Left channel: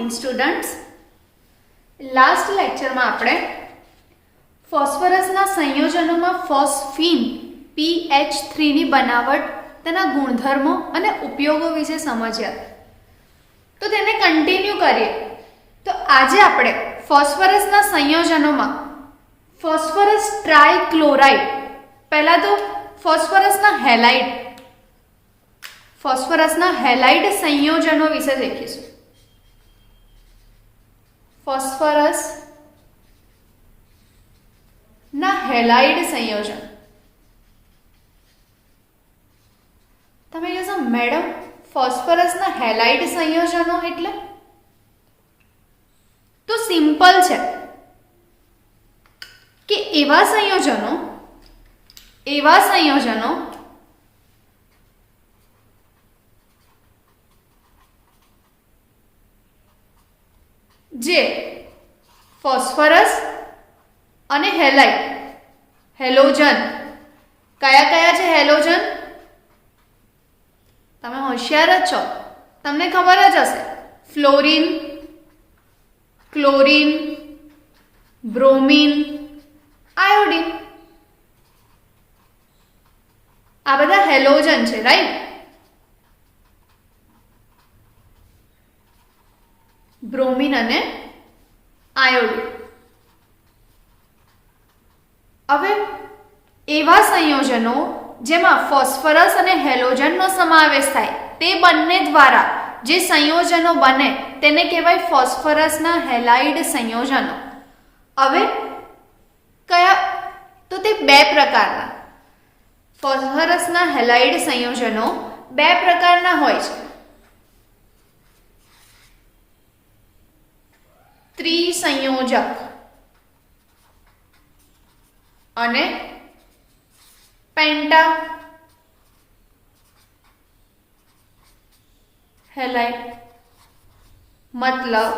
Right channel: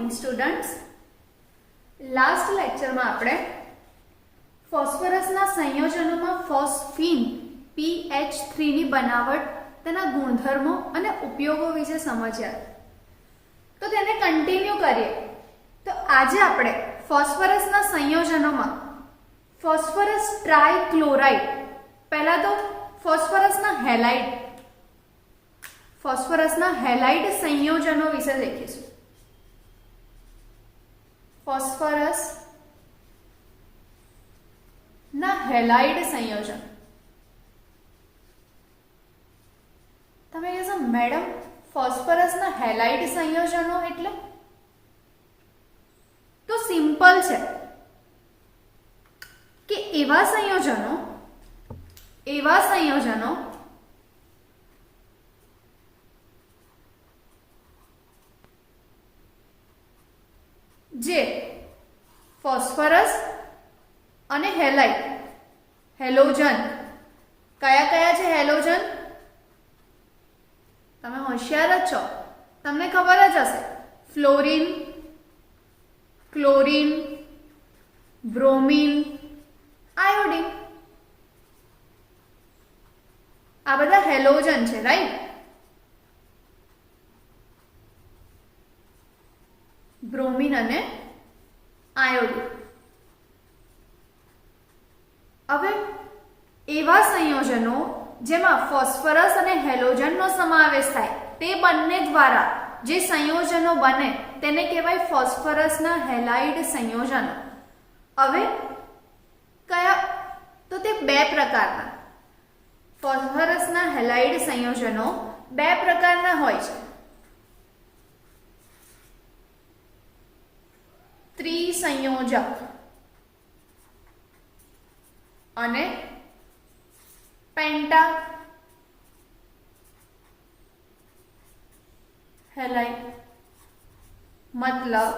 Morning students. Last લેક્ચરમાં આપણે ફોસ્ફરસના સંયોજનોમાં phosphine PH3 ની બનાવટ, તેના ગુણધર્મો અને ઉપયોગો વિશે સમજ્યા. તો તેને કન્ટિન્યુ કરીએ. તો આજે આપણે ફોસ્ફરસના સંયોજનોમાં ફોસ્ફરસ ટ્રાઇક્લોરાઇડ, પહેલા તો ફોસ્ફરસના હેલાઇડ સંયોજનો વિશે શીખીશું. ફોસ્ફરસ ના હેલાઇડ સંયોજન. તમે કહેશો મેડમ ફોસ્ફરસના હેલાઇડ સંયોજનો એટલે? તો સિમ્પલ છે કે એવા સંયોજનો જે ફોસ્ફરસ અને હેલોજન, કયા છે હેલોજન? તમે હોશિયાર જ છો, તમને ખબર જ હશે. ફ્લોરિન, ક્લોરિન, બ્રોમિન, આયોડિન, આ બધા હેલોજન છે, રાઈટ? બ્રોમિન અને આયોડિન. હવે એવા સંયોજનો જેમાં ફોસ્ફરસ અને હેલોજનનો સમાવેશ થાય, તે બંને દ્વારા જે સંયોજનો બને તેને કહેવાય ફોસ્ફરસના હેલાઇડ સંયોજનો. હવે કયા? તો તે બે પ્રકારના. ફોસ્ફરસના હેલાઇડ સંયોજનો બે પ્રકારના હોય છે. ત્રિસંયોજક અને પેન્ટા હેલાઇડ. મતલબ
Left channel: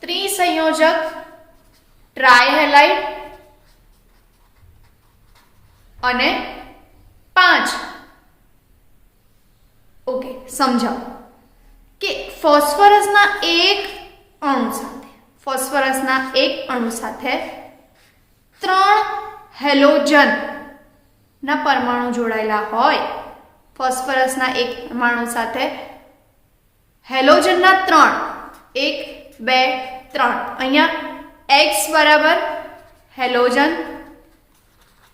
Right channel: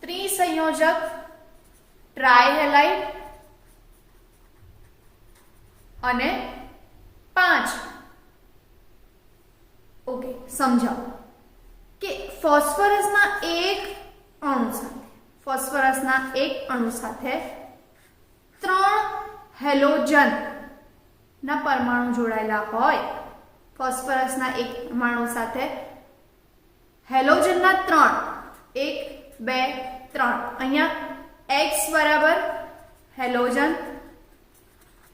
ત્રિસંયોજક ટ્રાયહેલાઇડ અને 5. ઓકે, સમજાવો કે ફોસ્ફરસના એક અણુ સાથે 3 હેલોજન ના પરમાણુ જોડાયેલા હોય. ફોસ્ફરસના એક પરમાણુ સાથે હેલોજનના 3, 1 2 3. અહીંયા X બરાબર હેલોજન,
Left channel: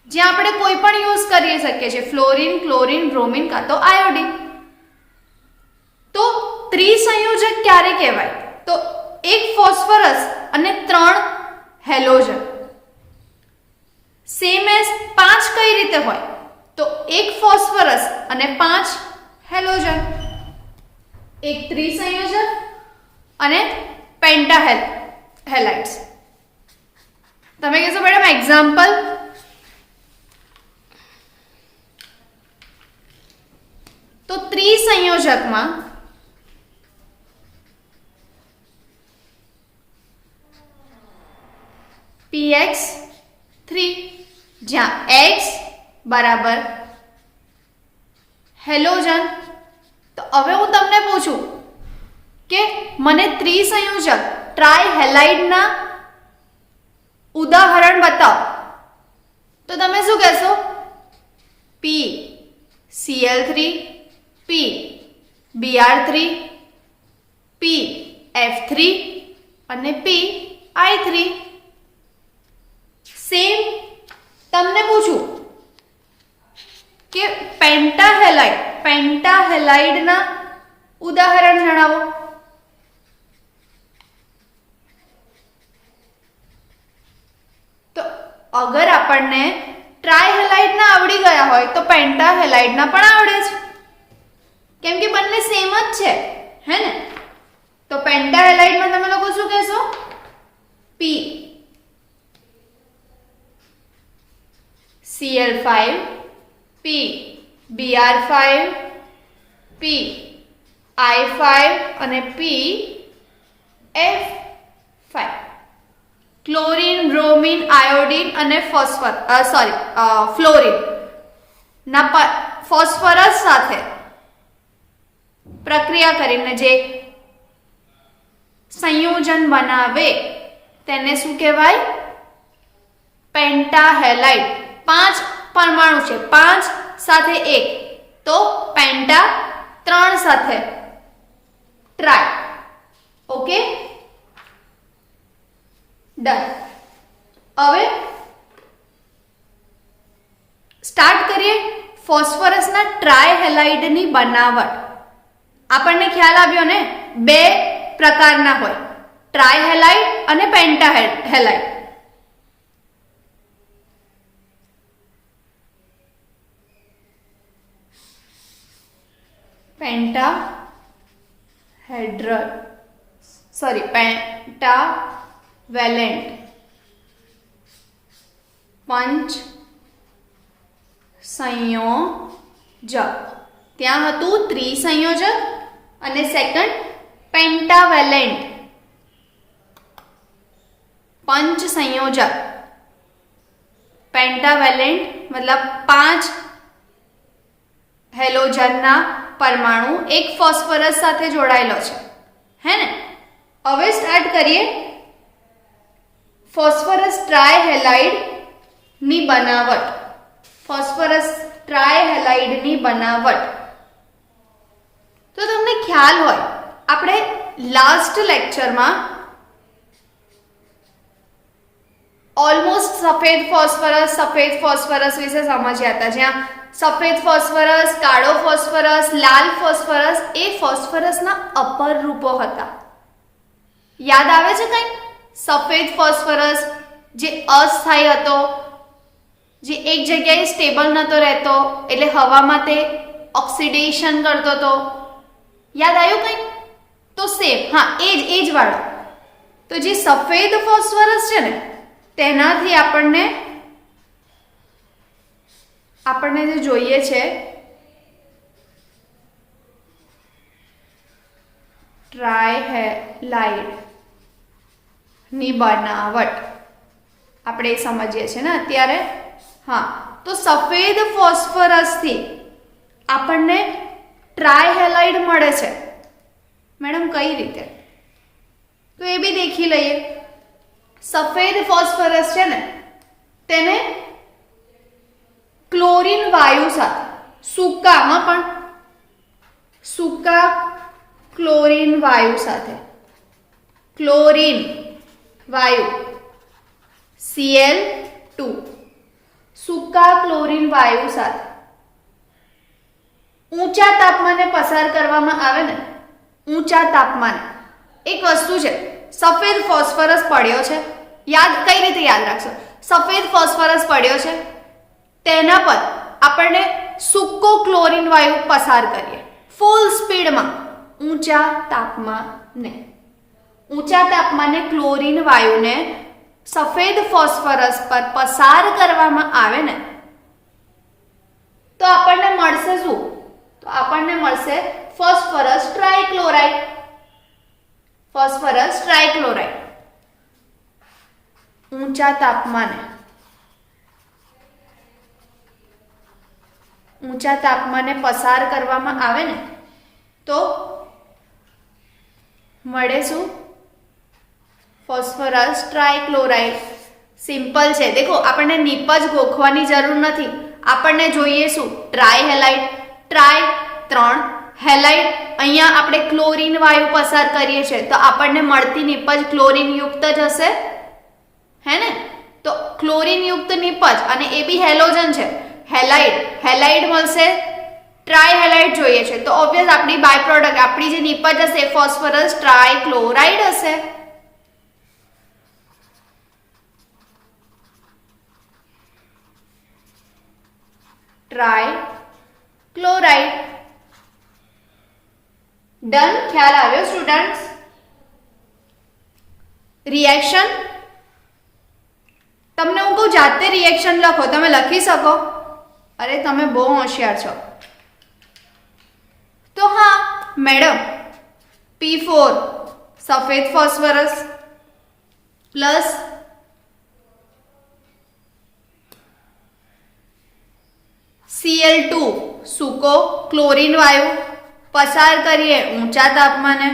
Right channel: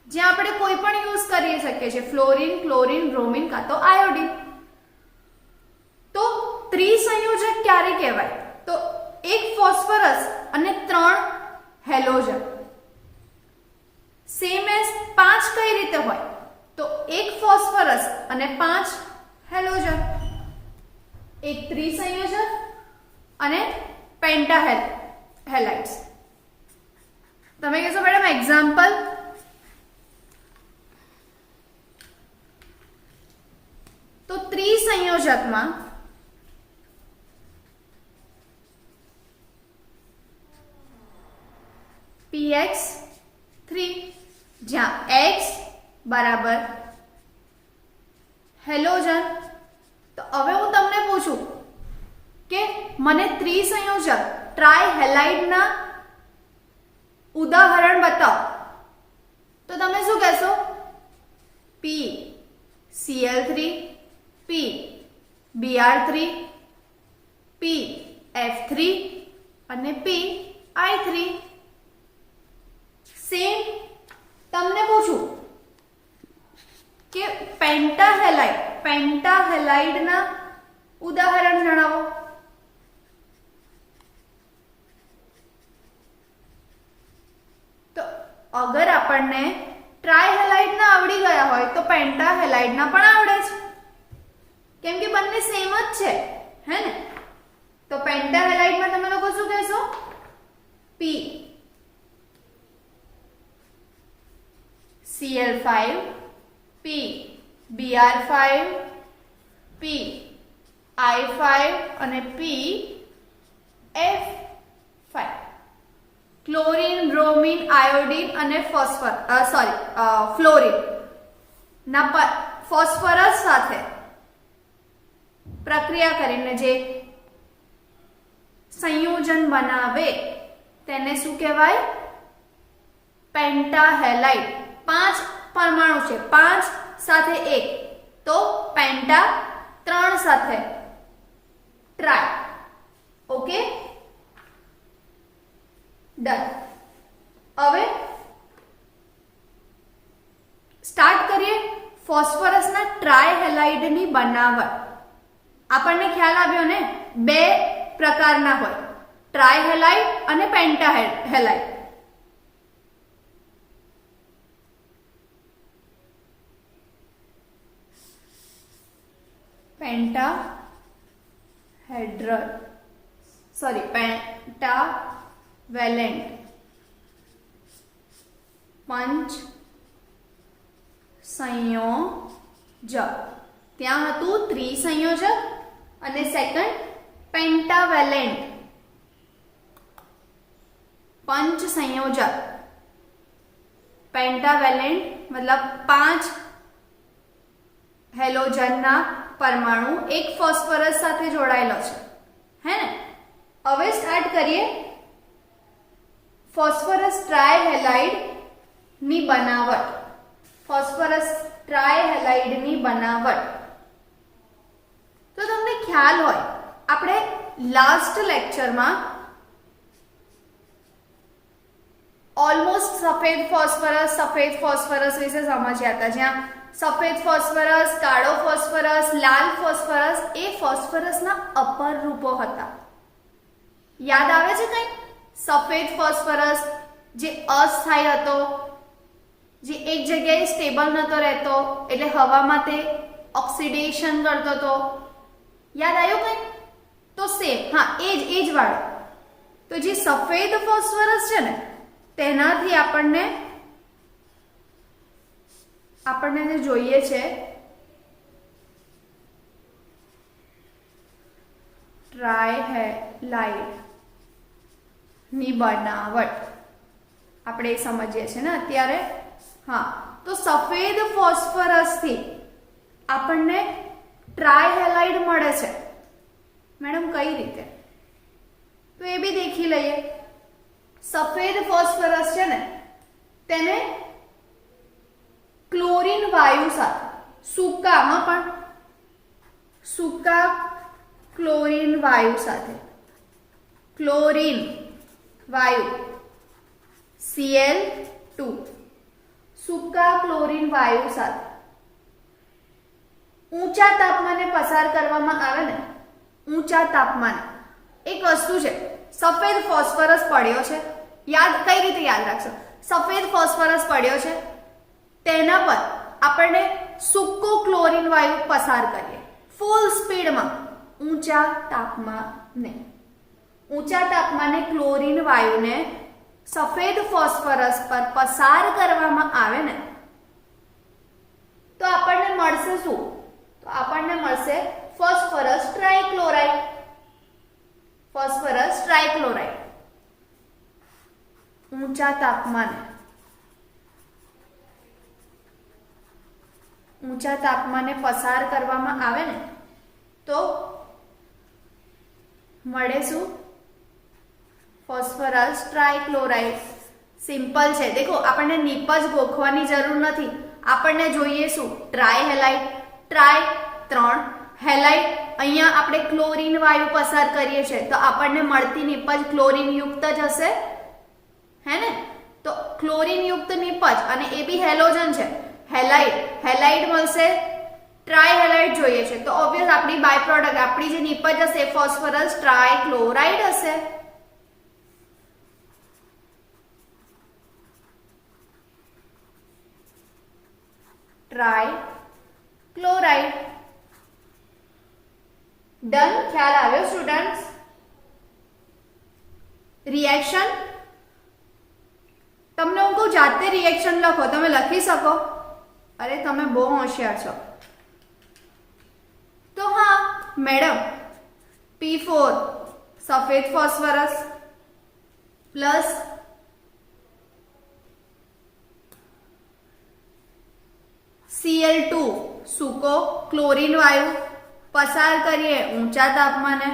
જ્યાં આપણે કોઈ પણ યુઝ કરી શકીએ છીએ, ફ્લોરિન, ક્લોરિન, બ્રોમિન કાં તો આયોડિન. તો ત્રિસંયોજક ક્યારે કહેવાય? તો એક ફોસ્ફરસ અને 3 હેલોજન. સેમ એઝ 5 કઈ રીતે હોય? તો એક ફોસ્ફરસ અને 5 હેલોજન. એક ત્રિસંયોજક અને પેન્ટાહેલાઇડ્સ. તમે કહેશો મેડમ એક્ઝામ્પલ? તો ત્રિસંયોજકમાં PX3, જ્યાં X બરાબર હેલોજન. તો હવે હું તમને પૂછું કે મને ત્રિસંયોજક ટ્રાયહેલાઇડના ઉદાહરણ બતાવો, તો તમે શું કહેશો? PCl3, PBr3, PF3 અને PI3. સેમ તમને પૂછું કે પેન્ટાહેલાઇડના ઉદાહરણ જણાવો. તો અગર આપણને ટ્રાયહેલાઇડના આવડી ગયા હોય તો પેન્ટાહેલાઇડના પણ આવડે છે, કેમ કે બંને સેમ જ છે, હે ને? તો પેન્ટાહેલાઇડમાં તમે લોકો શું કહેશો? PCl5, PBr5, PI5 અને PF5. ક્લોરીન, બ્રોમિન, આયોડિન અને ફ્લોરિન ના ફોસ્ફરસ સાથે પ્રક્રિયા કરીને જે સંયોજન બનાવે તેને શું કહેવાય? પેન્ટાહેલાઇડ. 5 પરમાણુ છે, 5 સાથે 1 તો પેન્ટા, 3 સાથે ટ્રાય. Okay, done. હવે સ્ટાર્ટ કરીએ ફોસ્ફરસના ટ્રાયહેલાઇડની બનાવટ. આપણને ખ્યાલ આવ્યો ને, 2 પ્રકારના હોય, ટ્રાયહેલાઇડ અને પેન્ટાહેલાઇડ. પેન્ટાવેલેન્ટ પંચ સંયોજક. ત્યાં હતું ત્રિસંયોજક અને સેકન્ડ પેન્ટાવેલેન્ટ પંચ સંયોજક. પેન્ટાવેલેન્ટ મતલબ 5 હેલોજનના પરમાણુ એક ફોસ્ફરસ સાથે જોડાયેલો છે, હે ને? હવે સ્ટાર્ટ કરીએ ફોસ્ફરસ ટ્રાયહેલાઇડ ની બનાવટ. ફોસ્ફરસ ટ્રાયહેલાઇડ ની બનાવટ તો તમને ખ્યાલ હોય, આપણે લાસ્ટ લેક્ચરમાં ઓલમોસ્ટ સફેદ ફોસ્ફરસ વિશે સમજ્યા હતા, જ્યાં સફેદ ફોસ્ફરસ, કાળો ફોસ્ફરસ, લાલ ફોસ્ફરસ એ ફોસ્ફરસના અપર રૂપો હતા. યાદ આવે છે કંઈ? સફેદ ફોસ્ફરસ જે અસ્થાયી હતો, જે એક જગ્યાએ સ્ટેબલ નતો રહેતો, એટલે હવામાં તે ઓક્સિડેશન કરતો હતો. યાદ આવ્યું કંઈ? તો સેમ, હા, એ જ વાળો. તો જે સફેદ ફોસ્ફરસ છે ને, તેનાથી આપણને જે જોઈએ છે ટ્રાયહેલાઇડ ની બનાવટ આપણે સમજીએ છીએ ને અત્યારે. હા, તો સફેદ ફોસ્ફરસ થી આપણને ટ્રાયહેલાઇડ મળે છે. મેડમ કઈ રીતે? તો એ બી દેખી લઈએ. સફેદ ફોસ્ફરસ છે ને, તેને ક્લોરીન વાયુ સાથે, સૂકામાં પણ સૂકા ક્લોરીન વાયુ સાથે, ક્લોરીન વાયુ Cl2, સૂકા ક્લોરીન વાયુ સાથે ઊંચા તાપમાને પસાર કરવામાં આવે ને, ઊંચા તાપમાને. એક વસ્તુ છે, સફેદ ફોસ્ફરસ પડ્યો છે, કઈ રીતે યાદ રાખશો? સફેદ ફોસ્ફરસ પડ્યો છે, તેના પર આપણને સૂકો ક્લોરીન વાયુ પસાર કરીએ ફૂલ સ્પીડમાં ઊંચા તાપમાને ક્લોરીન વાયુને સફેદ ફોસ્ફરસ પર પસાર કરવામાં આવે ને, તો આપણને મળશે શું? તો આપણને મળશે ફોસ્ફરસ ટ્રાયક્લોરાઇડ. ઊંચા તાપમાને પસાર કરવામાં આવે ને, તો મળે શું? ફોસ્ફરસ ટ્રાયક્લોરાઇડ. સિમ્પલ છે. દેખો, આપણને નિપજ ગોખવાની જરૂર નથી. આપણને જોઈએ શું? ટ્રાયહેલાઇડ. Tri 3, halide. અહીંયા આપણે ક્લોરીન વાયુ પસાર કરીએ છીએ, તો આપણને મળતી નિપજ ક્લોરીન યુક્ત જ હશે, હે ને? તો ક્લોરીન યુક્ત નિપજ, અને એ બી હેલોજન છે, હેલાઇડ મળશે. ટ્રાયહેલાઇડ જોઈએ છે, તો ઓબ્વિયસ આપણી બાય પ્રોડક્ટ, આપણી જે નિપજ હશે ફોસ્ફરસ ટ્રાયક્લોરાઇડ હશે. ટ્રાયક્લોરાઇડ. ડન. ખ્યાલ આવ્યો સ્ટુડન્ટ્સ? રિએક્શન તમને હું કહું, જાતે રિએક્શન લખો. તમે લખી શકો? અરે તમે બહુ હોશિયાર છો. તો હા મેડમ, P4 સફેદ ફોસ્ફરસ પ્લસ Cl2 સૂકો ક્લોરીન વાયુ પસાર કરીએ ઊંચા તાપમાને,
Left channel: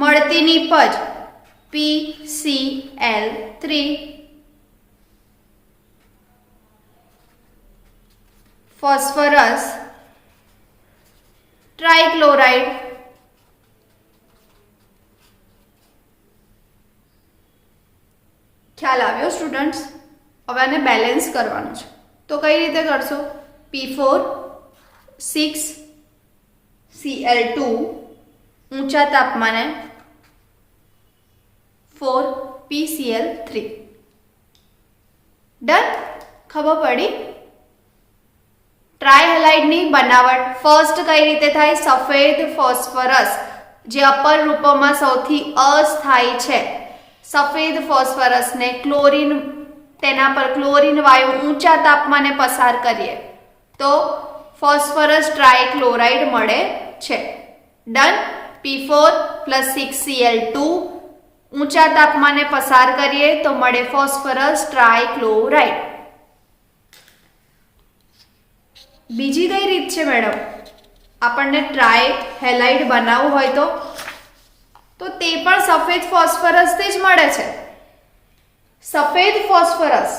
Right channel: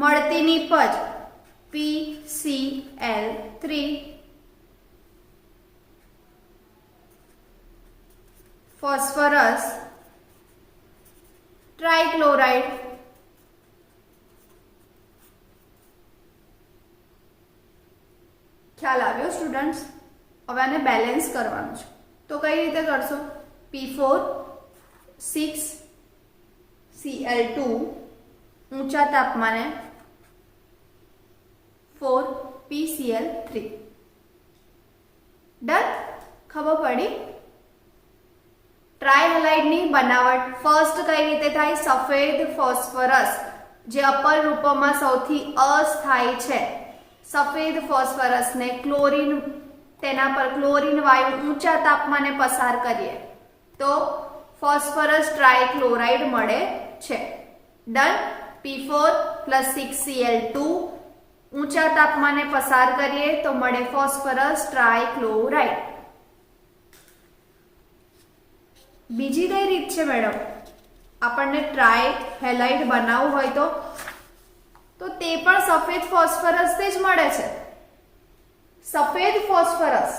મળતી નીપજ PCl3 ફોસ્ફરસ ટ્રાઇક્લોરાઇડ ખ્યાલ આવ્યો સ્ટુડન્ટ્સ? હવે આને બેલેન્સ કરવાનું છે તો કઈ રીતે કરશો? P4 6Cl2 ઊંચા તાપમાને 4PCl3 ડન? ખબર પડી? ટ્રાયહેલાઇડની બનાવટ ફર્સ્ટ કઈ રીતે થાય? સફેદ ફોસ્ફરસ જે અપર રૂપમાં સૌથી અસ્થાયી છે, સફેદ ફોસ્ફરસને ક્લોરીન, તેના પર ક્લોરીન વાયુ ઊંચા તાપમાને પસાર કરીએ તો ફોસ્ફરસ ટ્રાઇક્લોરાઇડ મળે છે. ડન? P4 + 6Cl2 ઊંચા તાપમાને પસાર કરીએ તો મળે ફોસ્ફરસ ટ્રાઇક્લોરાઇડ. બીજી કઈ રીત છે મેડમ? આપણને ટ્રાયહેલાઇડ બનાવવું હોય તો તે પણ સફેદ ફોસ્ફરસ થી જ મળે છે. સફેદ ફોસ્ફરસ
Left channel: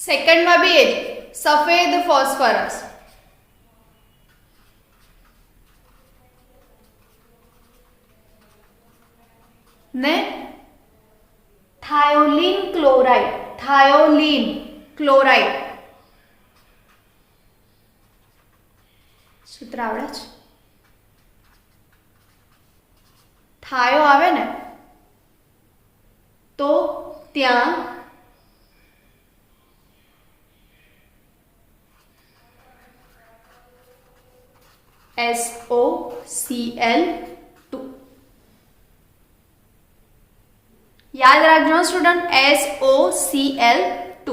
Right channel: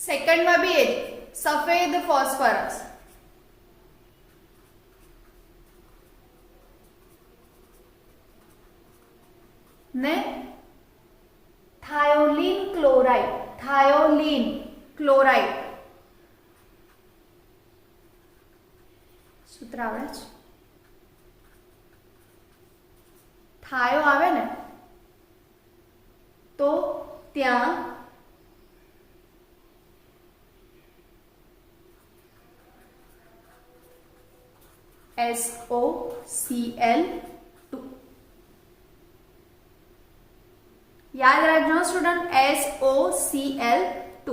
સેકન્ડમાં બી એ જ સફેદ ફોસ્ફરસ ને થાયોલીન ક્લોરાઇડ સૂત્ર આવડે છે? થાયો આવે ને તો ત્યાં SOCl2 યાદ રાખજો સ્ટુડન્ટ, SOCl2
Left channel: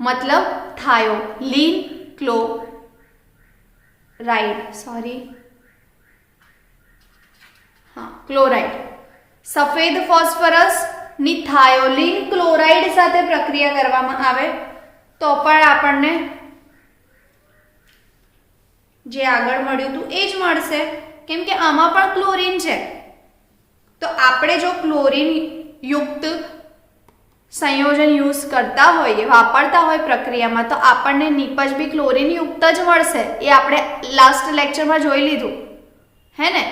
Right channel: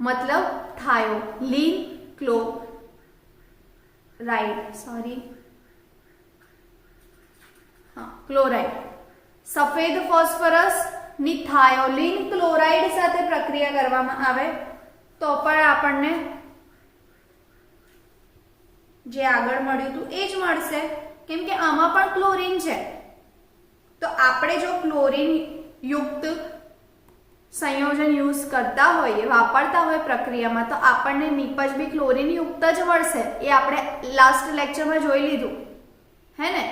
મતલબ થાયોલીન ક્લોરાઇડ. સફેદ ફોસ્ફરસ ની થાયોલીન ક્લોરાઇડ સાથે પ્રક્રિયા કરવામાં આવે તો પણ આપણને જે આગળ મળ્યું હતું એ જ મળશે, કેમ કે આમાં પણ ક્લોરીન છે. તો આપણે જો ક્લોરીન યુક્ત સંયોજન યુઝ કરતા હોઈએ, વાપરતા હોય પ્રક્રિયામાં, તો આપણને નિપજ બી ક્લોરીન યુક્ત જ મળશે. એ આપણે લાસ્ટ લેક્ચરમાં જોઈ લીધું હે ને?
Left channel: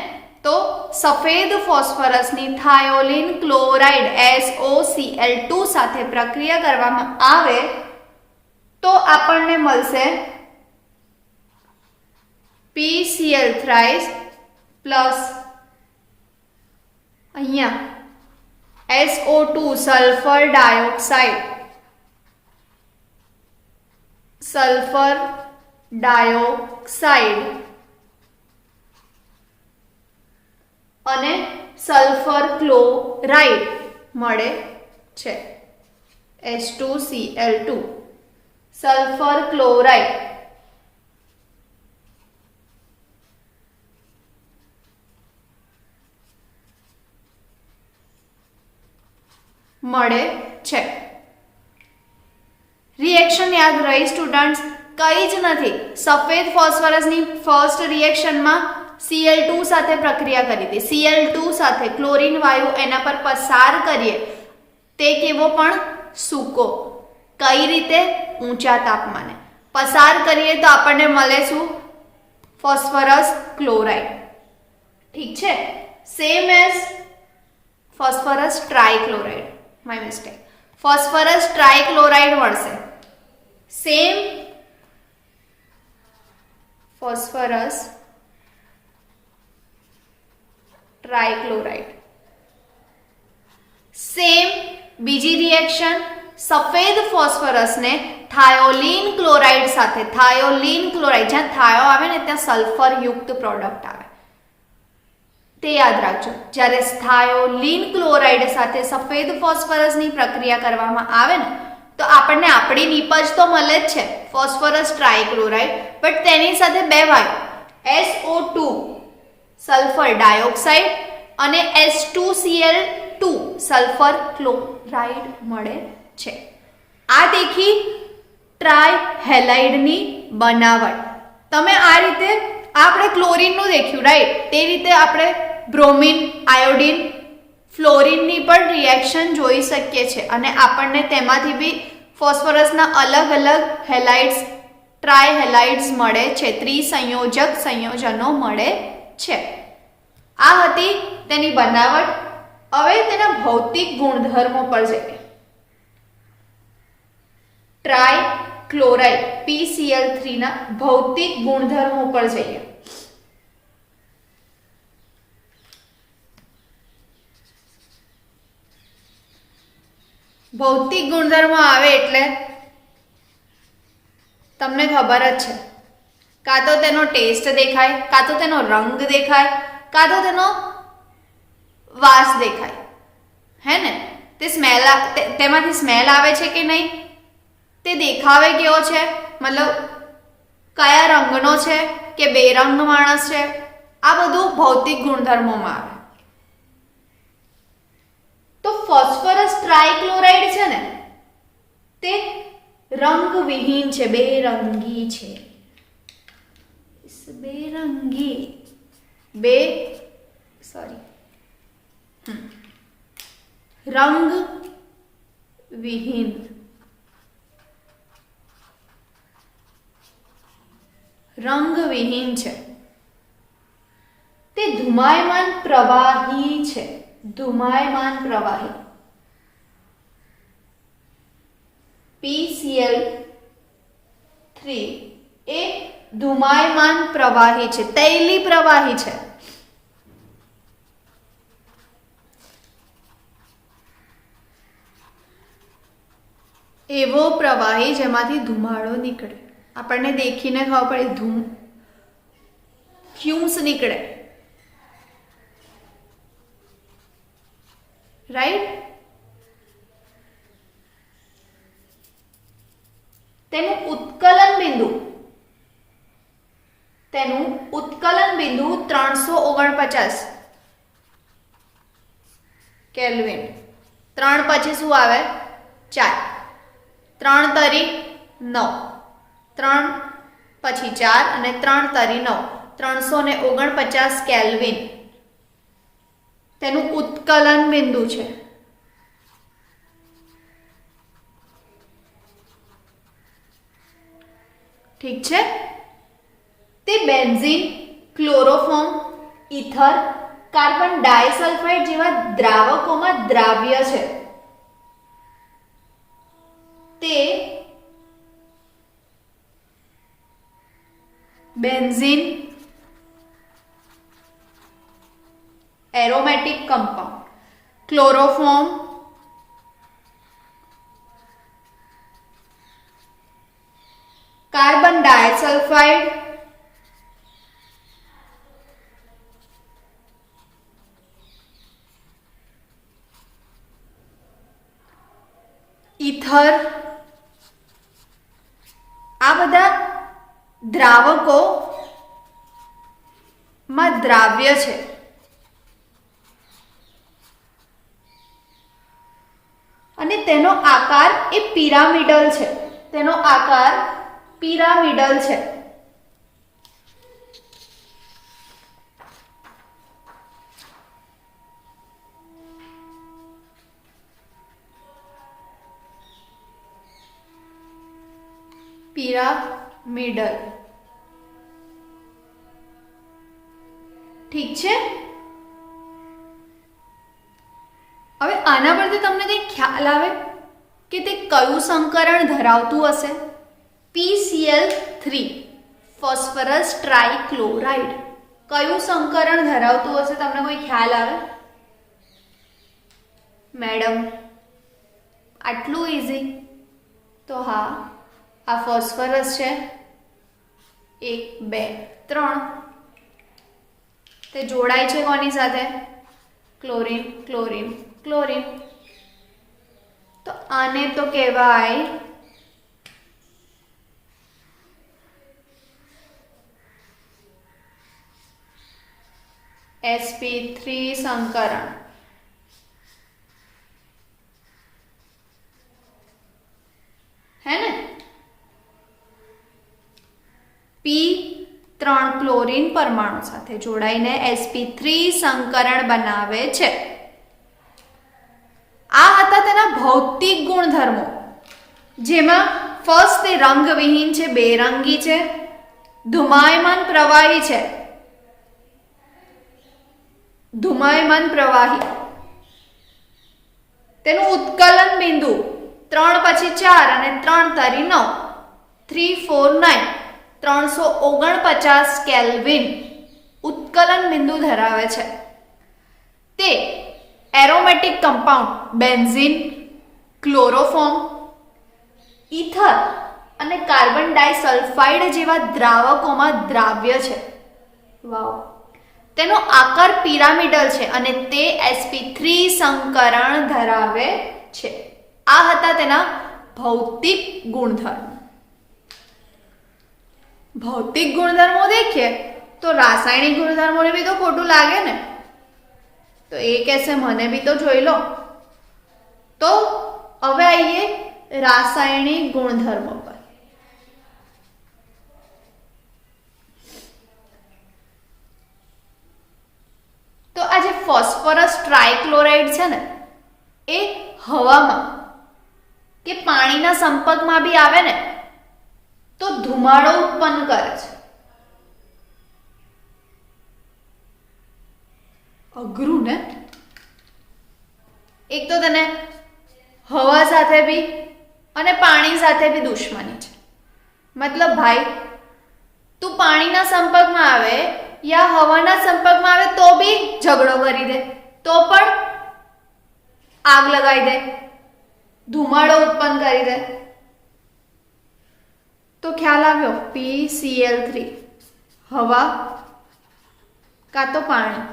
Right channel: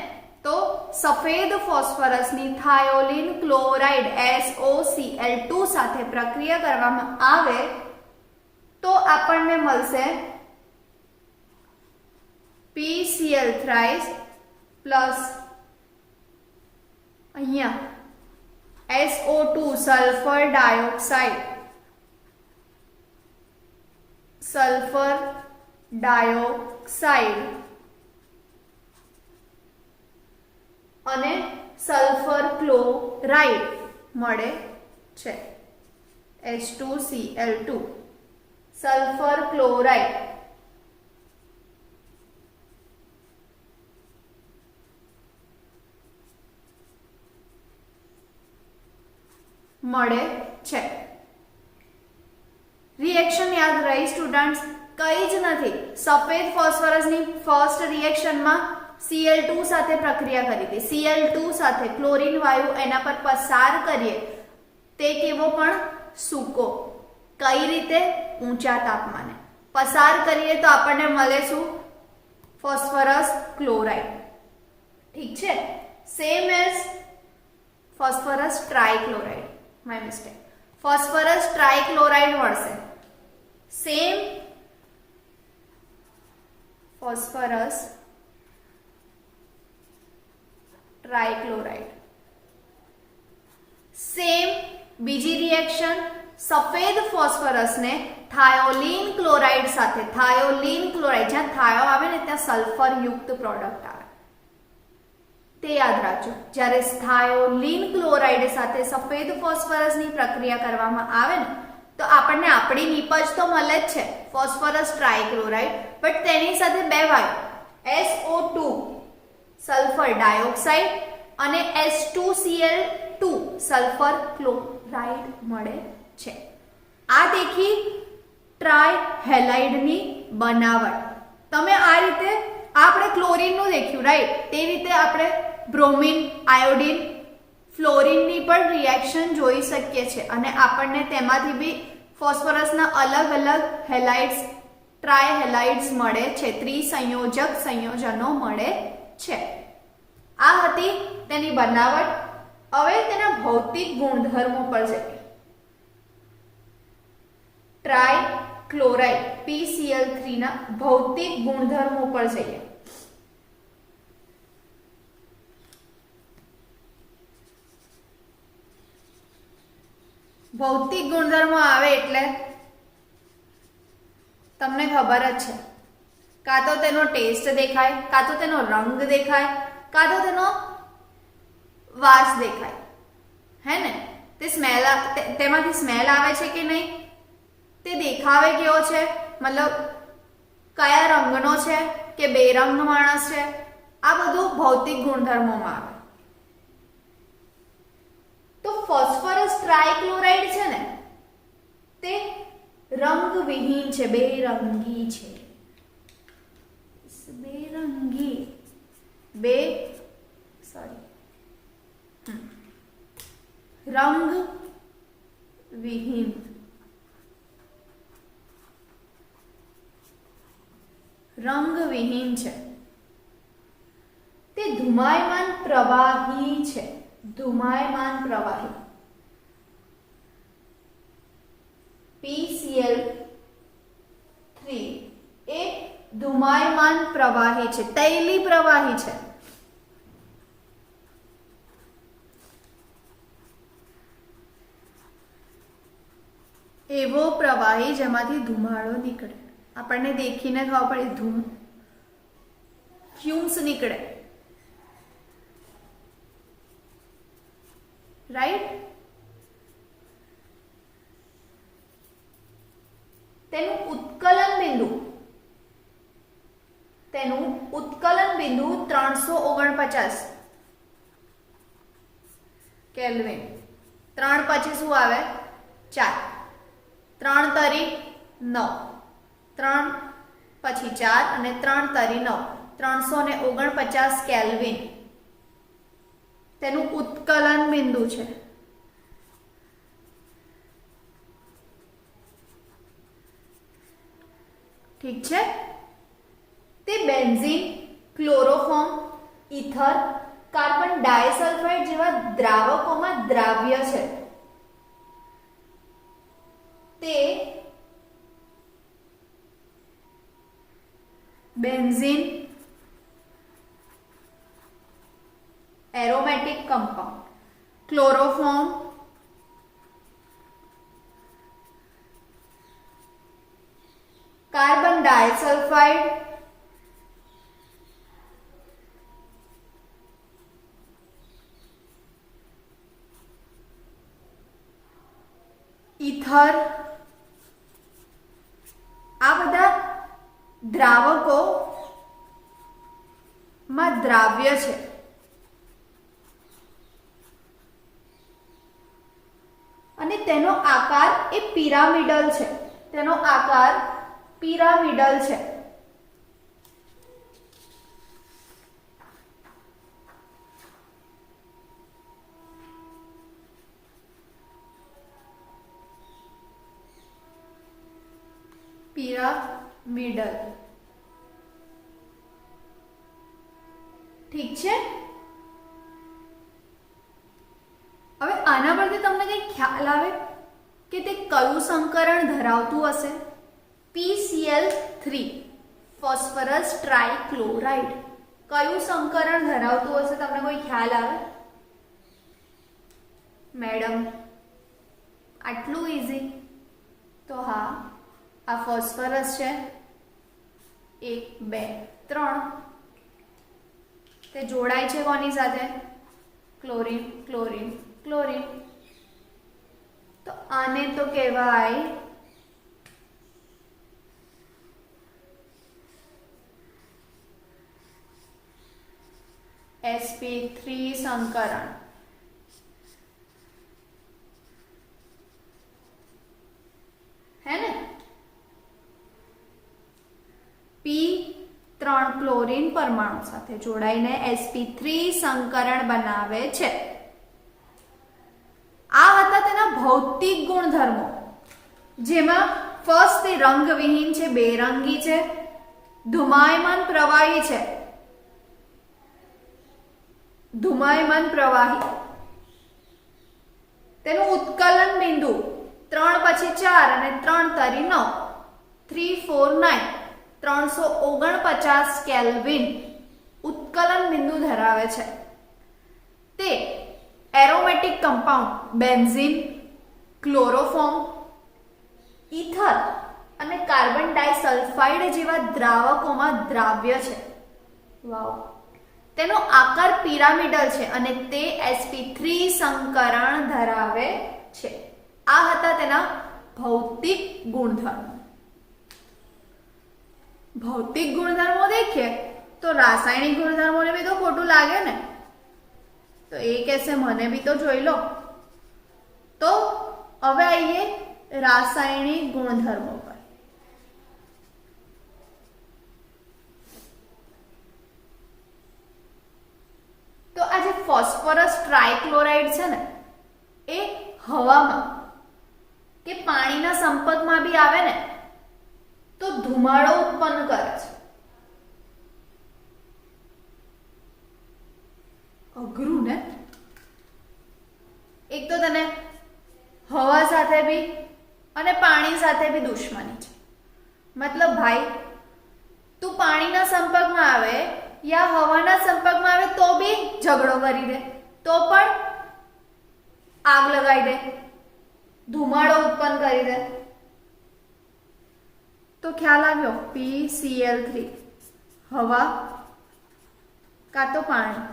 તો સફેદ ફોસ્ફરસની થાયોલીન ક્લોરાઇડ SOCl2 સાથે પ્રક્રિયા કરવામાં આવે તો આપણને મળશે PCl3 પ્લસ અહીંયા SO2 સલ્ફર ડાયોક્સાઇડ અને સલ્ફર ક્લોરાઇડ મળે છે. H2Cl2 સલ્ફર ક્લોરાઇડ મળે છે. રિએક્શન યાદ રહી સ્ટુડન્ટ્સ? કઈ જ નથી. સફેદ ફોસ્ફરસની ફર્સ્ટ રિએક્શનમાં Cl2 સાથે પ્રક્રિયા કરી હતી. Cl2 સાથે ક્લોરીન વાયુ એના પર પસાર કરીએ તે કેવો પણ સૂકો. કઈ રીતે? ઊંચા તાપમાને પસાર કરીએ તો આપણને મળે શું? Phosphorus chloride. ઠીક છે? Same as phosphorus trichloride. My mistake. Phosphorus trichloride મળશે. Same phosphorus trichloride. સેમ બીજી રિએક્શન, સફેદ ફોસ્ફરસને થાયોલીન ક્લોરાઇડ સાથે, થાયોલીન ક્લોરાઇડ જ્યાં થાયો આવે ને ત્યાં સલ્ફર યુક્ત પ્રોડક્ટ આવે તે યાદ રાખજો. જ્યારે થાયોલીન ક્લોરાઇડ સાથે સફેદ ફોસ્ફરસની પ્રક્રિયા કરવામાં આવે ને તો આપણને આપણી નીપજ તો મળે જ છે ફોસ્ફરસ ટ્રાઇક્લોરાઇડ, બટ તેની સાથે બે વાયુ SO2 સલ્ફર ડાયોક્સાઇડ અને H2Cl2 સલ્ફર ક્લોરાઇડ મળે છે. આ દેખી ટ્રાયહેલાઇડની બનાવટ. તમે આ રીતે આપણે ક્લોરીનનું દેખ્યું રાઈટ, તે રીતે આપણે બ્રોમિન, આયોડિન, ફ્લોરિનની પણ રિએક્શન જોઈ શકીએ છીએ અને આપણને તેમાંથી બી ફોસ્ફરસના અલગ અલગ હેલાઇડ્સ, ટ્રાયહેલાઇડ્સ મળે છે, ત્રિસંયોજક સંયોજનો મળે છે. આ હતી તેની બનાવટ. હવે તેના ભૌતિક ગુણધર્મો પર જઈએ. ટ્રાયક્લોરાઇડ PCl3 ના ભૌતિક ગુણધર્મો પર જઈએ. ભૌતિક ગુણધર્મો આવે એટલે તમને ખબર જ છે, કાં તો તેનો ટેસ્ટ દેખાય, કાં તો તેનો રંગ દેખાય, કાં તો તેનો વાસ દેખાય, હે ને? તે સ્મેલ, તેમાંથી સ્મેલ આવે છે કે નહીં, તે દેખાવે કેવો છે, મતલબ કયા રંગનો છે કે બેરંગ માણસ છે, આ બધું ભૌતિક ગુણધર્મોમાં આવે. તો ફોસ્ફરસ ટ્રાયક્લોરાઇડ છે ને, તે રંગવિહીન છે, બેરંગી છે. બેરંગી રંગવિહીન. રંગવિહીન છે. તે ધુમાયમાન પ્રવાહી છે. ધુમાયમાન પ્રવાહી. PCl3 એ ધુમાયમાન પ્રવાહી છે, તૈલી પ્રવાહી છે. એવો પ્રવાહી જેમાંથી ધુમાડો નીકળે. આપણને દેખીને ખબર પડે, ધૂમ, ફ્યુમ્સ નીકળે, રાઈટ? તેનું ઉત્કલન બિંદુ 349 કેલ્વિન. 3 પછી શું આવે? 4. 3 તરી 9, 3 પછી 4 અને 3 તરી 9, 349 કેલ્વિન તેનું ઉત્કલન બિંદુ છે. ઠીક છે? તે benzene, chloroform, ether, carbon disulphide જેવા દ્રાવકોમાં દ્રાવ્ય છે. તે benzene aromatic compound, chloroform carbon disulphide, ether, આ બધા દ્રાવકો માં દ્રાવ્ય છે. અને તેનો આકાર એ પિરામિડલ છે. તેનો આકાર પિરામિડલ છે. પિરામિડલ. ઠીક છે? હવે આના પરથી તમને કંઈ ખ્યાલ આવે કે તે કયું સંકરણ ધરાવતું હશે? PCl3 ફોસ્ફરસ ટ્રાઇક્લોરાઇડ કયું સંકરણ ધરાવતું હશે? તમને કોઈ ખ્યાલ આવે? મેડમ આટલું ઇઝી? તો હા, આ ફોસ્ફરસ છે, 1 2 3, તે જોડાય છે કોની સાથે? Chlorine, chlorine, chlorine. તો આને તો કહેવાય sp3 સંકરણ. હે ને? P3 3 ક્લોરીન પરમાણુ સાથે જોડાઈને sp3 સંકરણ બનાવે છે. આ હતા તેના ભૌતિક ગુણધર્મો, જેમાં ફર્સ્ટ તે રંગવિહીન છે, બેરંગી છે, ધુમાયમાન પ્રવાહી છે. ધુમાયમાન પ્રવાહી, તેનું ઉત્કલન બિંદુ 3 પછી 4 અને 3 તરી 9, 349 349 કેલ્વિન ઉત્કલન બિંદુ ધરાવે છે. તે aromatic compound benzene, chloroform, ether અને કાર્બન ડાયસલ્ફાઇડ જેવા દ્રાવકોમાં દ્રાવ્ય છે. વાવ. તેનો આકાર પિરામિડલ છે અને તે sp3 સંકરણ ધરાવે છે. આ હતા તેના ભૌતિક ગુણધર્મો. भौतिक गुणधर्मो देखिए तो रासायनिक गुणधर्मों ने भी तो खोटू लागे ने, तो ये कैसे मने भी तो जोई लो. तो હવે आइए रासायनिक गुणधर्मों पर. तो आज ફોસ્ફરસ ટ્રાઇક્લોરાઇડ છે ને, એ હવામાં કે પાણીના સંપર્કમાં બી આવે ને તો ધુમાડો ઉત્પન્ન કરે છે. અઘરું ને. એક તો તને હવા સાથે બી અને પાણી સાથે બી દુશ્મની છે. મતલબ ભાઈ, તું પાણીના સંપર્કમાં આવે યા હવાના સંપર્કમાં આવે તો બી ઝઘડો કરી દે, તો પણ આગ લગાવી દે, ધુમાડો ઉત્પન્ન કરી દે. તો ખ્યાલ આવ્યો. PCl3 હવા કાં તો પાણી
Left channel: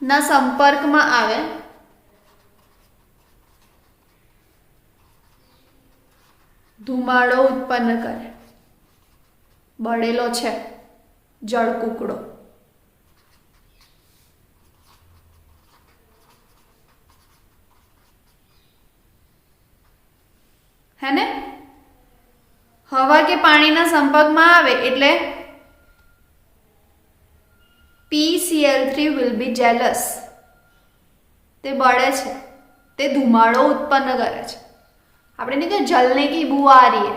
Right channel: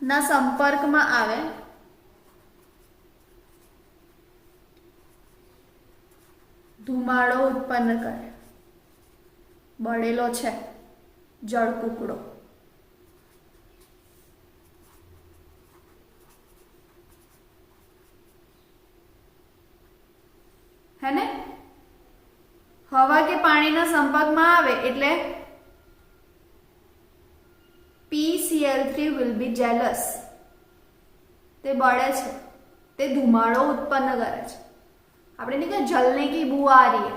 ના સંપર્કમાં આવે ધુમાડો ઉત્પન્ન કરે. બળેલો છે જળ કુકડો. હે ને. હવા કે પાણીના સંપર્કમાં આવે એટલે PCl3 will be jealous. તે બળે છે, તે ધુમાડો ઉત્પન્ન કરે છે. આપણે નહીં કે જલને કી બુ આ રહી હે,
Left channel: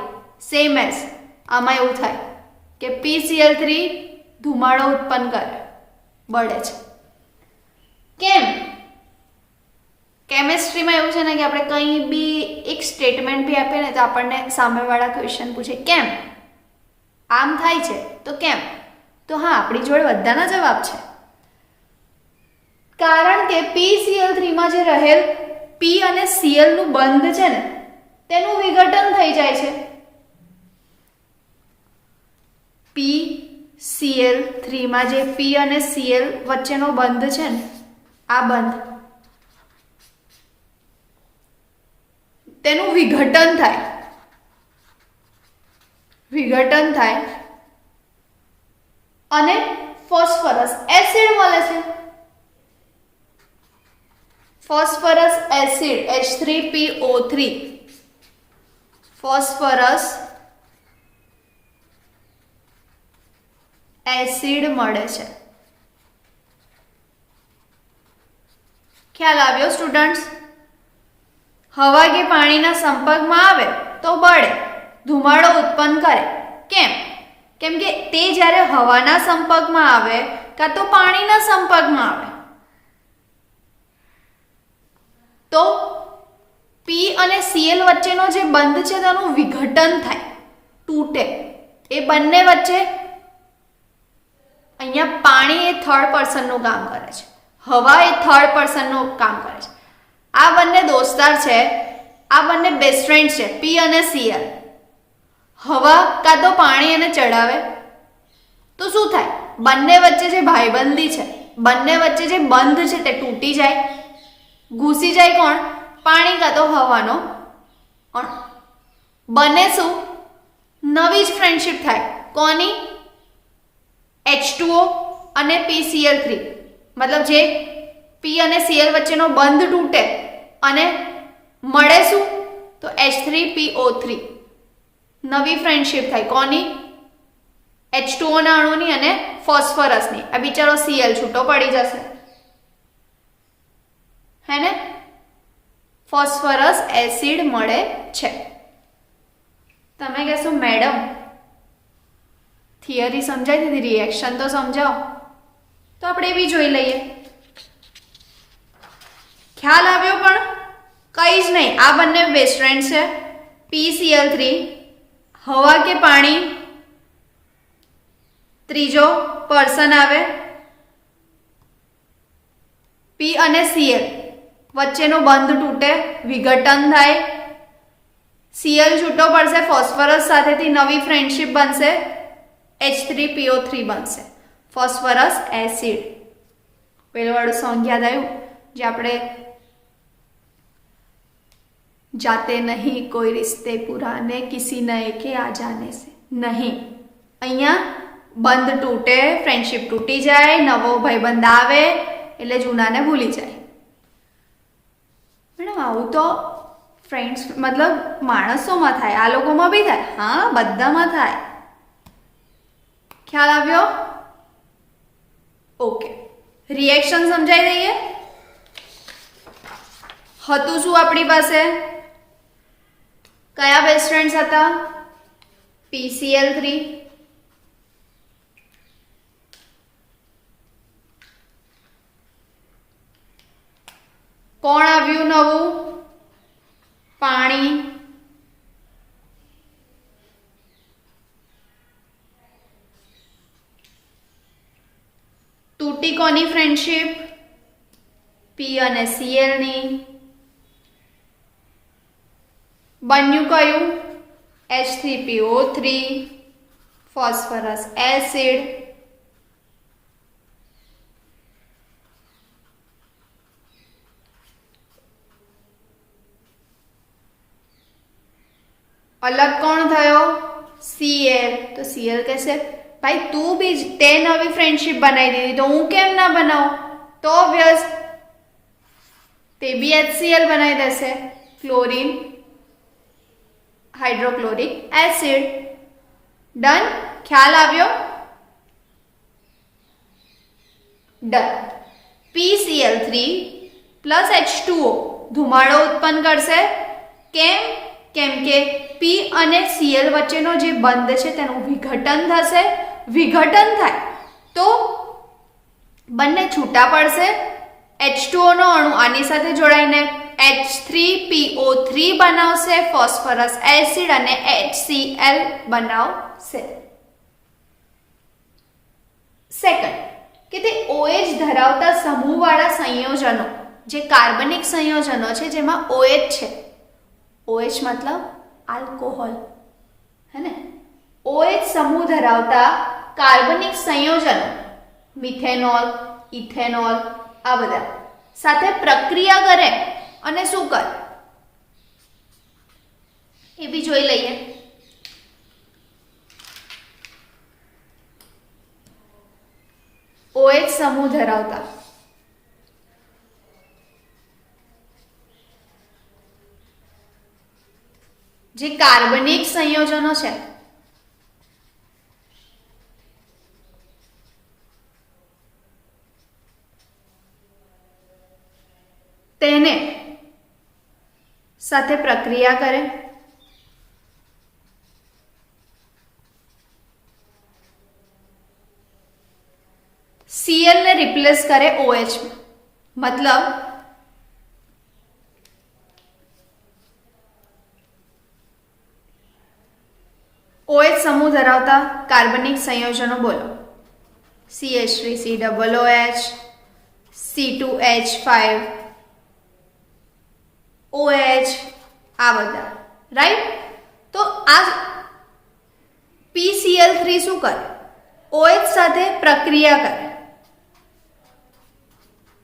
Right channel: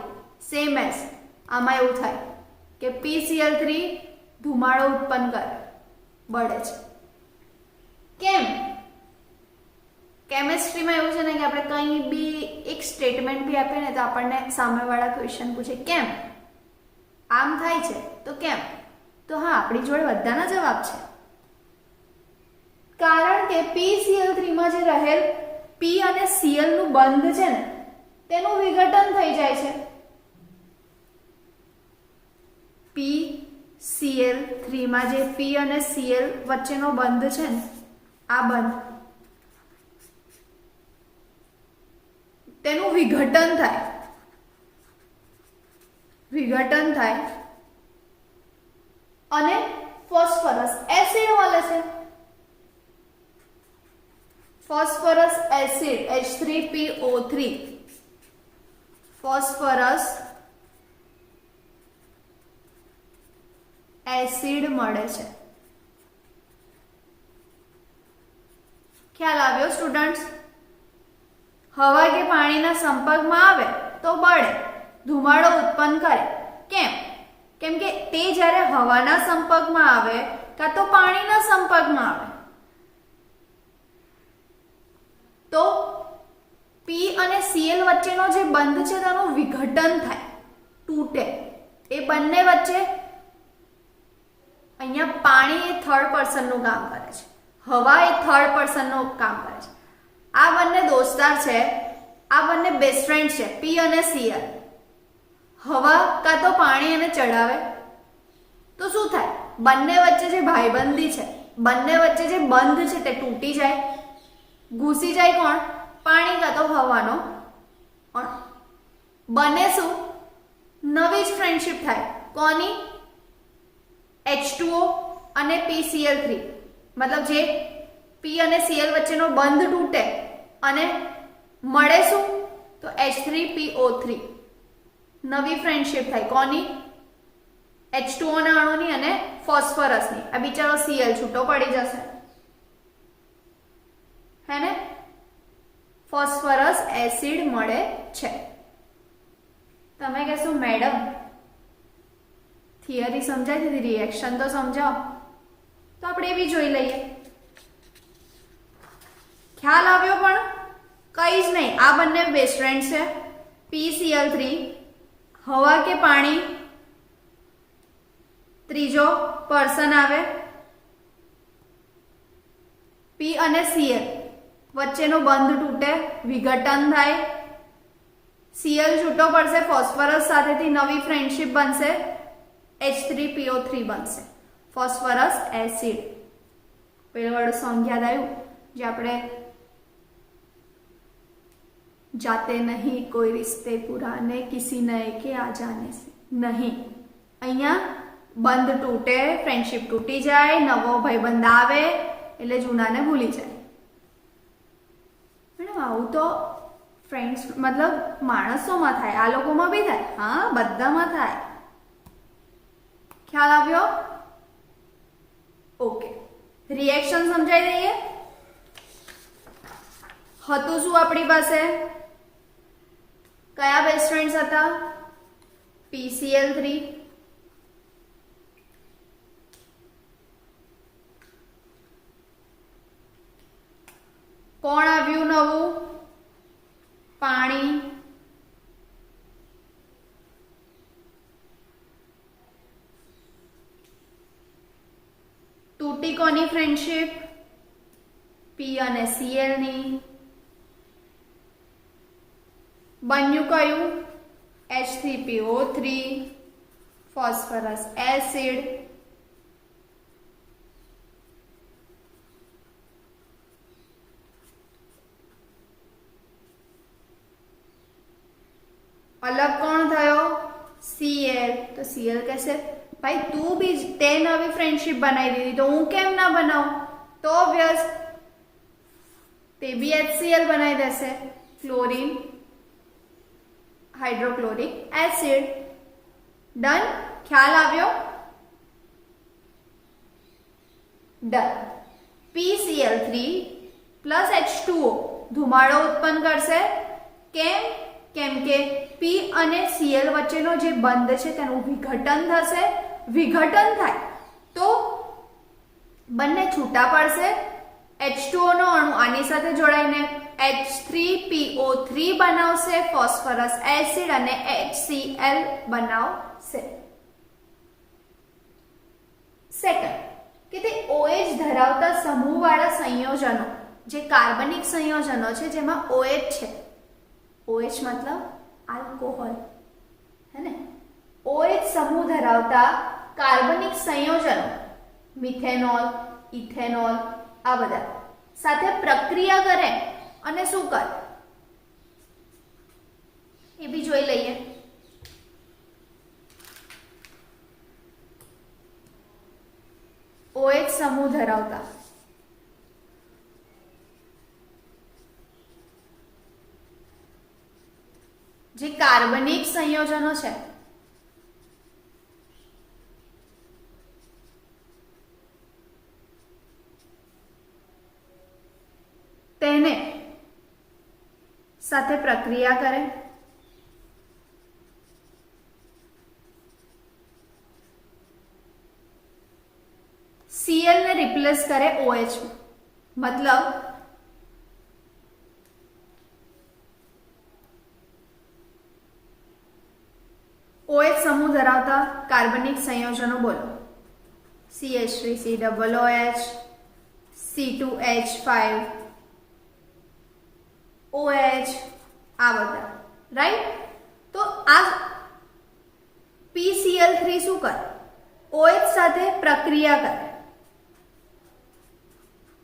સેમ એઝ આમાં એવું થાય કે PCl3 ધુમાડો ઉત્પન્ન કરે, બળે છે. કેમ? કેમેસ્ટ્રીમાં એવું છે ને કે આપણે કંઈ બી એક સ્ટેટમેન્ટ બી આપીએ ને તો આપણને સામેવાળા ક્વેશ્ચન પૂછે કેમ આમ થાય છે, તો કેમ? તો હા, આપણી જોડે બધાના જવાબ છે. કારણ કે PCl3 માં જે રહેલ P અને Cl નું બંધ છે ને, તેનું વિઘટન થઈ જાય છે. PCl3 માં જે P અને Cl વચ્ચેનો બંધ છે ને, આ બંધ, તેનું વિઘટન થાય અને ફોસ્ફરસ એસિડ મળે છે. Phosphorus acid H3PO3 phosphorus acid મળે છે. ખ્યાલ આવ્યો સ્ટુડન્ટ્સ? હવા કે પાણીના સંપર્કમાં આવે તો બળે, ધુમાડો ઉત્પન્ન કરે. કેમ? કેમ કે તે જ્યારે હવાના સંપર્કમાં આવે કાં તો પાણીના સંપર્કમાં આવે તો P અને Cl વચ્ચેનો જે બંધ છે તેનું વિઘટન થાય, તૂટે. એ બંને વચ્ચે અહીંયા પાણી એ થર્ડ પર્સનનું કામ કરે છે, હવા એ થર્ડ પર્સનનું કામ કરે છે. આ બંને દોસ્તાર છે, આ બંને બેસ્ટ ફ્રેન્ડ છે, P અને Cl. હવા કાં તો પાણી એને ચડાવે તો શું થાય? બંને વચ્ચે જે ભાઈબંધી છે, બંને વચ્ચે જે બંધ છે તે તૂટી જાય, ઘૂસી જાય. કોણ? પાણી કાં તો હવાનો અણુ. બને શું? નવી જ ફ્રેન્ડશિપ થાય. કોની? H2O અને PCl3. મતલબ જે P અને Cl વચ્ચેનો બંધ તૂટે અને મળે શું? તો H3PO3. નવી ફ્રેન્ડશિપ થાય. કોની? H2O ના અણુની અને ફોસ્ફરસની. આ બિચારો Cl છૂટો પડી જશે, હે ને? ફોસ્ફરસ એસિડ મળે છે. તમે કહેશો મેડમ થિયરી સમજાઈ દીધી, રિએક્શન તો સમજાવો. તો આપણે એ બી જોઈ લઈએ. ખ્યાલ આવ્યો? પણ કઈ જ નહીં, આ બંને બેસ્ટ ફ્રેન્ડ છે. PCl3 હવા કે પાણી, ત્રીજો પર્સન આવે. P અને Cl વચ્ચેનો બંધ તૂટે, વિઘટન થાય, Cl છૂટો પડશે, ફોસ્ફરસ સાથેથી નવી ફ્રેન્ડશિપ બનશે, H3PO3 બનશે, ફોસ્ફરસ એસિડ. પેલું વાળું સોંગ યાદ આવ્યું જે આપણે જાતે નહીં કોઈ રિશ્તે પુરાને કિસી નए के आ जाने से નહીં. અહીંયા બંધ તૂટે, ફ્રેન્ડશિપ તૂટી જાય, નવો ભાઈબંધ આવે એટલે જૂનાને ભૂલી જાય. મેડમ આવું તો ફ્રેન્ડ્સ મતલબ માણસોમાં થાય, આ લોકોમાં બી થાય? હા, બધામાં થાય. ખ્યાલ આવ્યો? ઓકે, રિએક્શન સમજાઈ દઈએ. હતું શું આપણી પાસે? કયા બેસ્ટ ફ્રેન્ડ્સ હતા? PCl3 કોણ આવ્યું નવું? પાણી. તૂટી કોની ફ્રેન્ડશિપ? P અને Cl ની. બન્યું કયું? H3PO3, phosphorus acid. અલગ કોણ થયો? Cl. તો Cl કહેશે ભાઈ તું બી તે નવી ફ્રેન્ડશિપ બનાવી દીધી તો હું કેમ ના બનાવું? તો ઓબ્વિયસ તે બી HCl બનાવી દેશે, ક્લોરીન હાઇડ્રોક્લોરિક એસિડ. ડન? ખ્યાલ આવ્યો? ડન. PCl3 પ્લસ H2O ધુમાડો ઉત્પન્ન કરશે. કેમ? કેમ કે P અને Cl વચ્ચેનો જે બંધ છે તેનું વિઘટન થશે. વિઘટન થાય તો બંને છૂટા પડશે. H2O નો અણુ આની સાથે જોડાઈને H3PO3 બનાવશે, ફોસ્ફરસ એસિડ અને HCl બનાવશે. સેકન્ડ કે તે OH ધરાવતા સમૂહવાળા સંયોજનો, જે કાર્બનિક સંયોજનો છે જેમાં OH છે. OH મતલબ આલ્કોહોલ, હે ને? OH સમૂહ ધરાવતા કાર્બનિક સંયોજનો, મિથેનોલ, ઇથેનોલ, આ બધા સાથે પ્રક્રિયા કરે અને શું કરે એ બી જોઈ લઈએ. OH સમૂહ ધરાવતા જે કાર્બનિક સંયોજનો છે તેને સાથે પ્રક્રિયા કરે. Cl ને રિપ્લેસ કરે OH મતલબ OH સમૂહ ધરાવતા કાર્બનિક સંયોજનો બોલો. CH3COOH, C2H5, OH, આ બધા, રાઈટ? તો આ PCl3 શું કરે? OH સાથે પ્રક્રિયા કરે.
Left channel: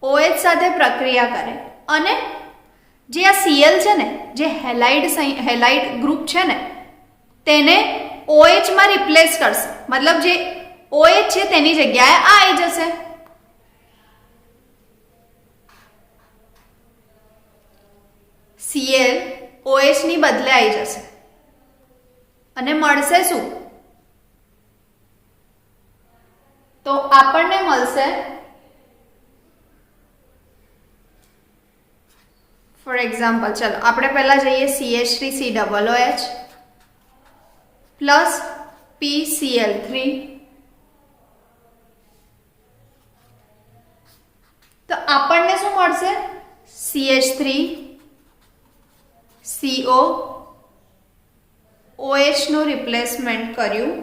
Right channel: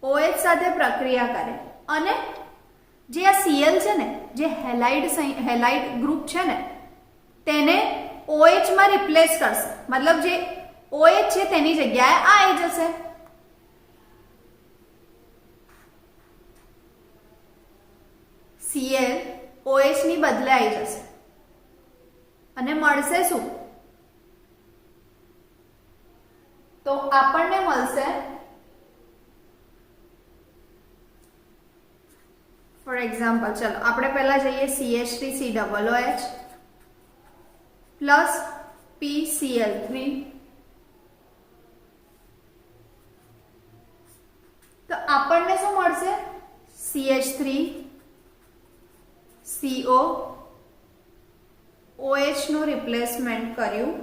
OH સાથે પ્રક્રિયા કરે અને જે આ Cl છે ને, જે હેલાઇડ ગ્રુપ છે ને, તેને OH માં રિપ્લેસ કરશે. મતલબ જે OH છે તેની જગ્યાએ આ આવી જશે. Cl OH ની બદલે આવી જશે અને મળશે શું? આપણને મળશે ફોર એક્ઝામ્પલ, ચલો આપણે પહેલા જઈએ CH3COOH પ્લસ PCl3, તો આપણને શું મળશે? CH3CO OH નું રિપ્લેસમેન્ટ કર્યું,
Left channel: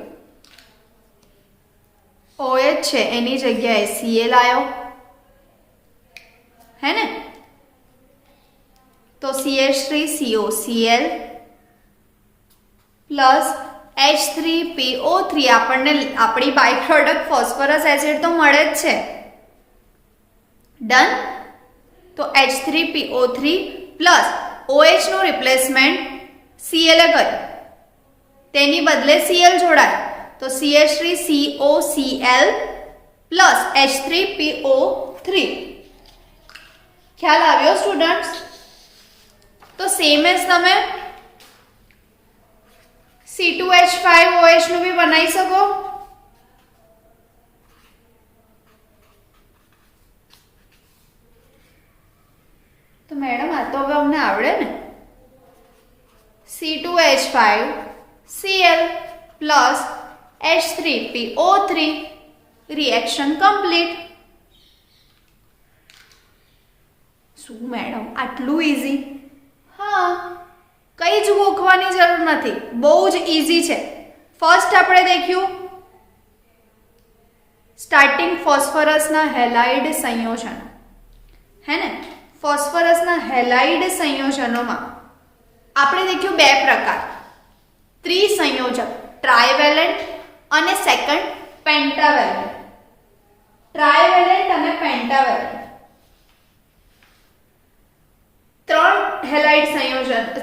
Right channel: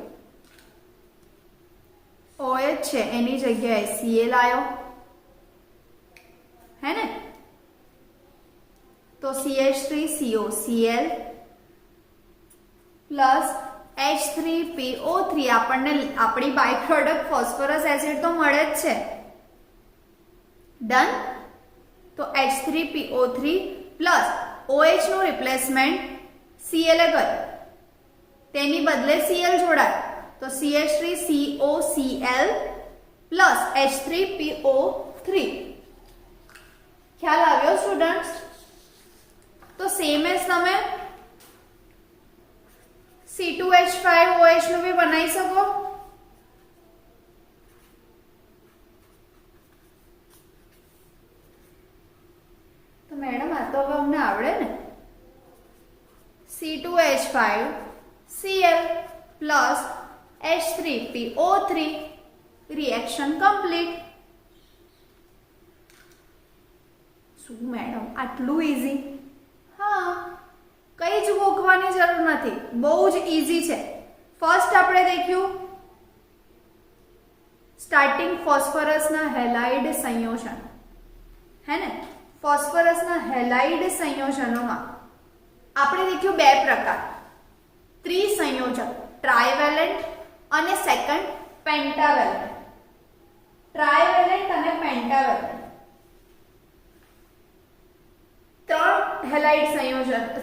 OH છે એની જગ્યાએ Cl આવ્યો, હે ને? તો CH3CO Cl પ્લસ H3PO3, આપણને આપણી બાય પ્રોડક્ટ ફોસ્ફરસ એસિડ તો મળે જ છે, ડન. તો H3PO3 પ્લસ OH નું રિપ્લેસમેન્ટ Cl એ કર્યું, તેની બદલે Cl જોડાય, તો CH3COCl પ્લસ H3PO3. ખ્યાલ આવ્યો સ્ટુડન્ટ્સ? તો સેમ એઝ તમે C2H5OH નું બી બનાવી શકો. તો મેડમ આ તો હવે અમને આવડે ને. C2H5Cl plus H3PO3, reaction complete. શું મેડમ આટલું ઇઝી? હા, કઈ જ ગોખવાની જરૂર નથી, બહુ જ ઇઝી છે. ફર્સ્ટ આપણે દેખ્યું સ્ટાર્ટિંગ ફોસ્ફરસના હેલાઇડ સંયોજન, હે ને? ફોસ્ફરસના હેલાઇડ સંયોજનોમાં આપણે દેખ્યું બે પ્રકાર, ત્રિસંયોજક ટ્રાયવેલેન્ટ અને સેકન્ડ પેન્ટાવેલેન્ટ. ટ્રાયવેલેન્ટ અને પેન્ટાવેલેન્ટ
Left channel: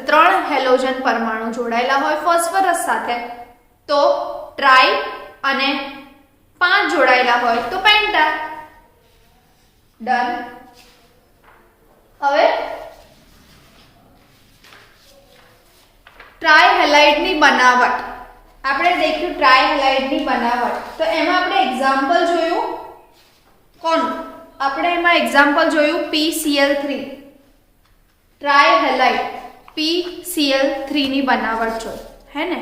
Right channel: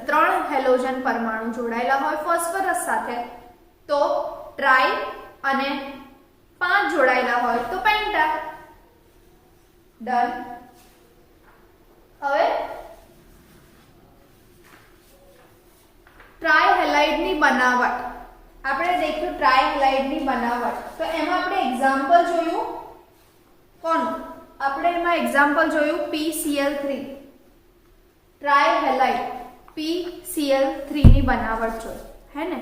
ત્રણ હેલોજન પરમાણુ જોડાયેલા હોય ફોસ્ફરસ સાથે તો ટ્રાય અને 5 જોડાયેલા હોય તો પેન્ટા. ડન. હવે ટ્રાયહેલાઇડની બનાવટ આપણે દેખ્યું, ટ્રાયહેલાઇડની બનાવટ તો એમાં આપણે એક્ઝામ્પલ જોયું કોનું? આપણે એમાં એક્ઝામ્પલ જોયું PCl3, ટ્રાયહેલાઇડ PCl3 ની બનાવટ જોઈ, હે ને?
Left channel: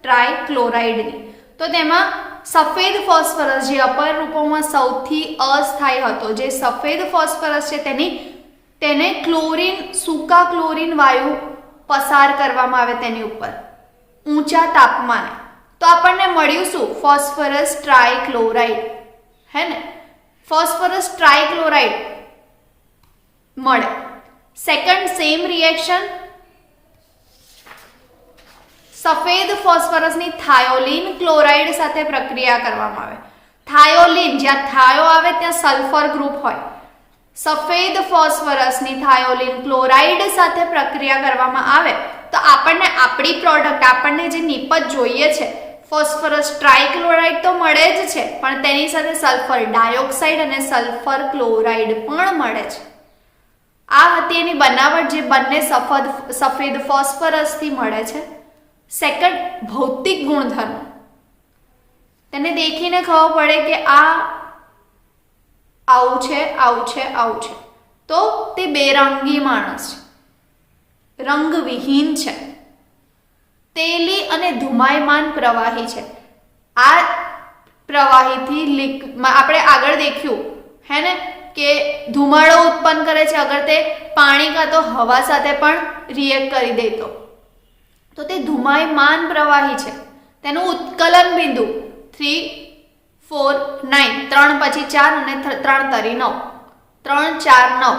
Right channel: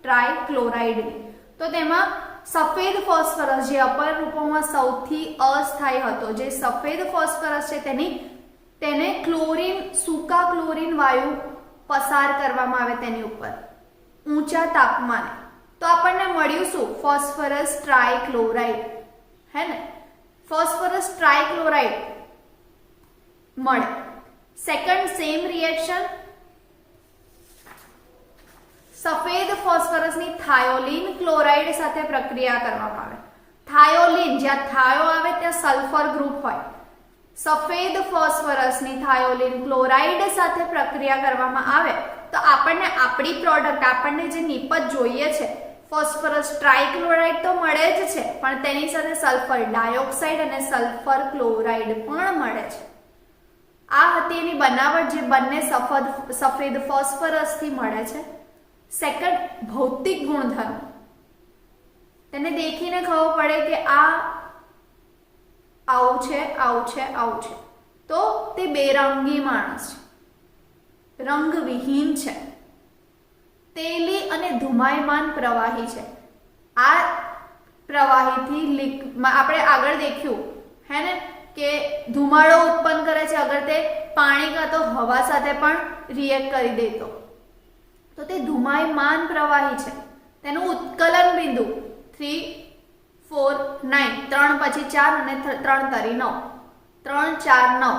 ટ્રાયક્લોરાઇડની. તો તેમાં સફેદ ફોસ્ફરસ જે અપર રૂપોમાં સૌથી અસ્થાયી હતો, જે સફેદ ફોસ્ફરસ છે તેને ક્લોરીન, સૂકા ક્લોરીન વાયુ પસાર કરવામાં આવે તેની ઉપર ઊંચા તાપમાને, તો આપણને મળ્યું શું? ફોસ્ફરસ ટ્રાયક્લોરાઇડ, હે ને? ફોસ્ફરસ ટ્રાયક્લોરાઇડ મળે. સેકન્ડ સેમ રિએક્શન સફેદ ફોસ્ફરસની થાયોલિન ક્લોરાઇડ સાથે પ્રક્રિયા કરવામાં આવે. થાયોલિન, જ્યાં થાયો આવે ત્યાં સલ્ફર ગ્રુપ હોય. સફેદ ફોસ્ફરસની થાયોલિન ક્લોરાઇડ સાથે પ્રક્રિયા કરવામાં આવે તો આપણને આપણી પ્રોડક્ટ, આપણને જે નિપજ જોઈએ છે ફોસ્ફરસ ટ્રાયક્લોરાઇડ તો મળે જ છે, પણ તેની સાથે સલ્ફર ડાયોક્સાઇડ અને સલ્ફર ક્લોરાઇડ પણ મળે છે. આ હતી એની બનાવટ, જે બંને સફેદ ફોસ્ફરસથી મળે છે. સેકન્ડ ભૌતિક ગુણધર્મ, તેને દેખીને ખબર પડે કે આ આવું છે, આવું છે, આવું છે, તો તે બેરંગી માણસ છે, રંગવિહીન છે, તેલી અને ધુમાયમાન પ્રવાહી છે. આ પ્રવાહીથી આપણે આગળ દેખ્યું, હે ને, કે ધુમાડો ઉત્પન્ન કરે છે અગર તે પાણી કાં તો હવા સાથે પણ રિએક્ટ કરી દેતો, તો તે ધુમાયમાન પ્રવાહી છે. તેનું ઉત્કલન બિંદુ 3, 4, 9, 3 પછી 4 અને 3 તરી 9, 3, 4, 9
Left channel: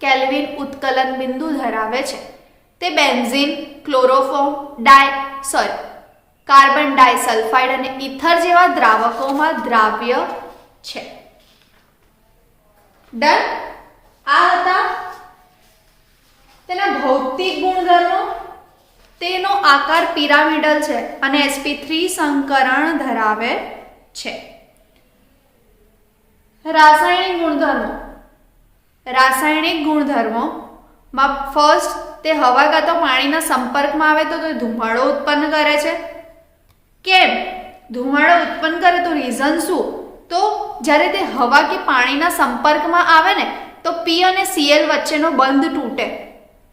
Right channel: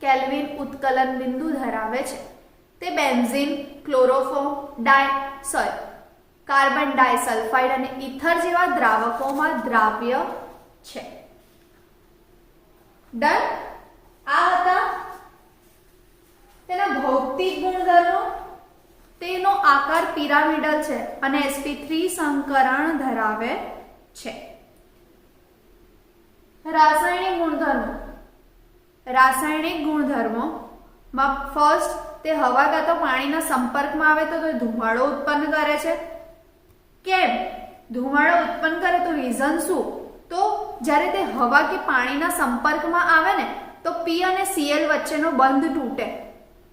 કેલ્વિન ઉત્કલન બિંદુ ધરાવે છે. તે બેન્ઝીન, ક્લોરોફોર્મ, કાર્બન ડાયસલ્ફાઇડ અને ઇથર જેવા દ્રાવકોમાં દ્રાવ્ય છે. ડન. આ હતા તેના ભૌતિક ગુણધર્મો. તેનો આકાર પિરામિડલ છે અને sp3 સંકરણ ધરાવે છે. રાસાયણિક ગુણધર્મોમાં ફર્સ્ટ, તે હવા કાં તો પાણીના સંપર્કમાં આવે તો તે ધુમાડો ઉત્પન્ન કરે છે. કેમ ધુમાડો ઉત્પન્ન કરે? તો રીઝન શું? તો જ્યારે તે હવા કે પાણીના સંપર્કમાં આવે ને તો P અને Cl વચ્ચેનો બંધ તૂટે,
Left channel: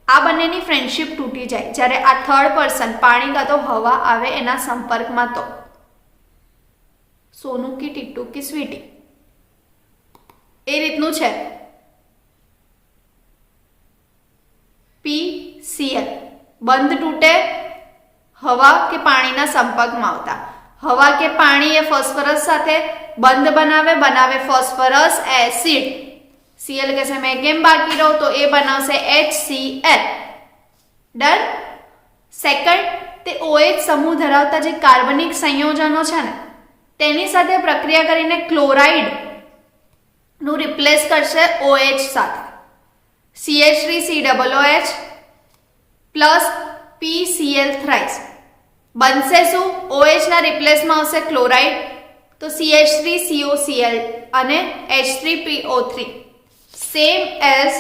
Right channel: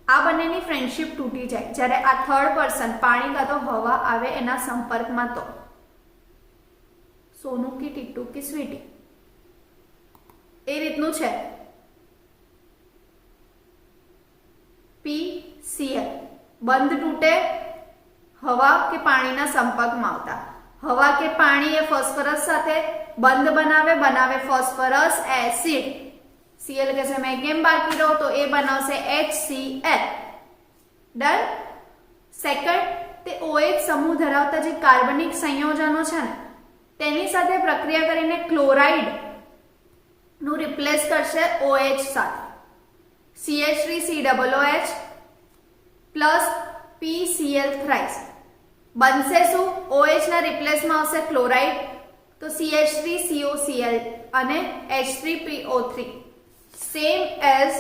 આ બંનેની ફ્રેન્ડશિપ તૂટી જાય જ્યારે આ થર્ડ પર્સન પાણી કાં તો હવા આવે એના સંપર્કમાં. તો સોનું કી ટીટુ કી સ્વીટી, એ રીતનું છે. PCl બંધ તૂટે હવા કે પાણીના સંપર્કમાં આવતા. હવા કે પાણી એ ફોસ્ફરસ સાથે બંધ બનાવે ફોસ્ફરસ એસિડ. Cl કહેશે મેં કેમ બાકી રહું, તો એ બનાવશે HCl. ડન. સેકન્ડ, તે OH સમૂહ ધરાવતા જે કાર્બનિક સંયોજનો છે ને તેની સાથે પ્રક્રિયા કરીને ક્લોરાઇડ નું રિપ્લેસ કરશે OH સાથે. CH3COOH પ્લસ PCl થ્રાઇસ બનશે શું? OH ના રિપ્લેસમાં આવશે ક્લોરાઇડ, તો CH3COCl અને H3PO3 same as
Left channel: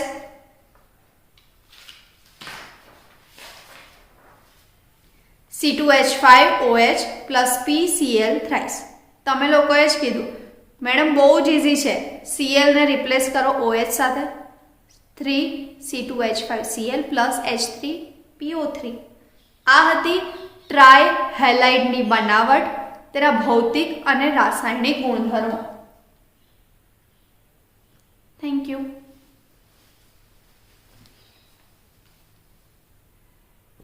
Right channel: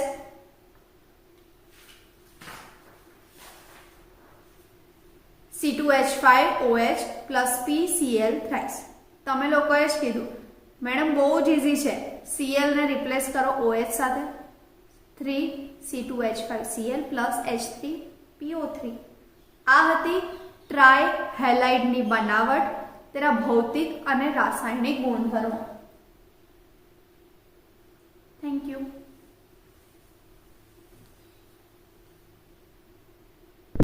C2H5OH plus PCl thrice. તમે લોકોએ જ કીધું મેડમ બહુ જ ઇઝી છે, Cl ને રિપ્લેસ કરો OH સાથે, 3C2H5Cl પ્લસ H3PO3. આ હતી ટ્રાયહેલાઇડની બનાવટ, તેના ભૌતિક અને રાસાયણિક ગુણધર્મો. Thank you.